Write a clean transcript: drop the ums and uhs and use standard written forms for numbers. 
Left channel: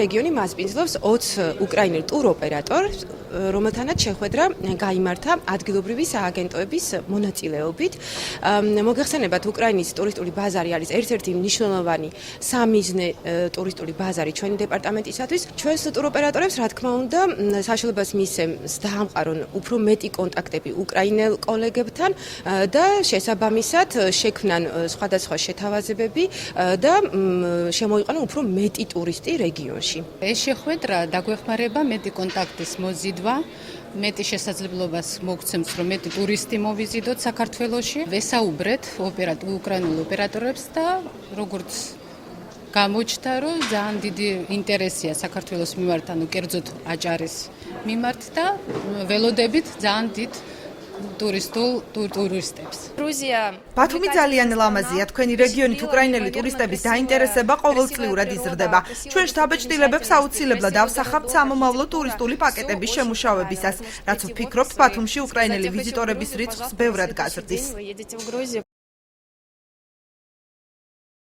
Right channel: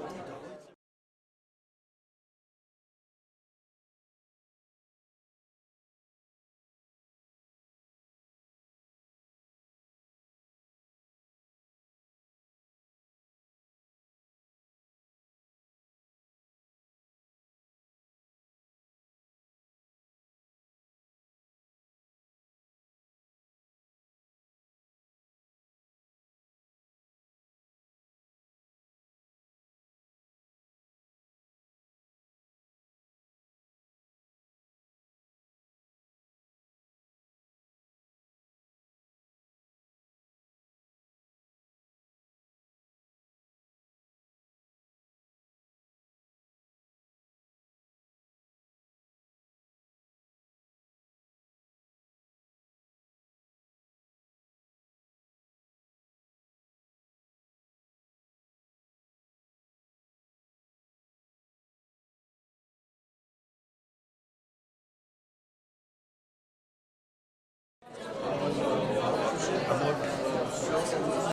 რეგიონი მასპინძლობს 20 უკრაინელ ტუროპერატორს, რომელთანაც შეხვედრა გაიმართა ადგილობრივი სააგენტოების მონაწილეობით. მოგეხსენებათ, უკრაინის ტურისტული ბაზარი არის ერთ-ერთი მნიშვნელოვანი სამიზნე ტურისტული ბაზარი ჩვენი დეპარტამენტისათვის. ჩვენს ტუროპერატორებს, რა თქმა უნდა, საშუალებას მისცემს დაამყარონ უფრო მეტი კონტაქტები უკრაინელ კოლეგებთან და შესაბამისად შექმნან სხვადასხვა შეთავაზებები და შემოიყვანონ უფრო მეტი ტურისტი რეგიონში. ეს შეხვედრა დაგვეხმარება მეტი კონტაქტის მოზიდვა, მეტი შესაძლებლობას მოგცემს, რომ მეტი ტურისტი მოვიზიდოთ საქართველოში. ვესაუბრეთ უკრაინულ ოპერატორებს და როგორც გამოჩნდა, რომ ძალიან დიდი ინტერესია საქართველოს მიმართ, ანუ კერძოდ აჭარის მიმართ და ველოდებით ძალიან დიდ ტურისტებს. ბათუმი ძალიან ლამაზია. თქვენი რეგიონით უკრაინელი ტურისტების დაინტერესება ყოველწლიურად იზრდება. ჩვენ შთაბეჭდილებებს აუცილებლად ავსახავთ სამომავლო ტურისტული პაკეტების შემუშავებისას, რაც ვფიქრობთ, ბათუმში უკრაინელი ვიზიტორების რიცხვს ბევრად გაზრდის.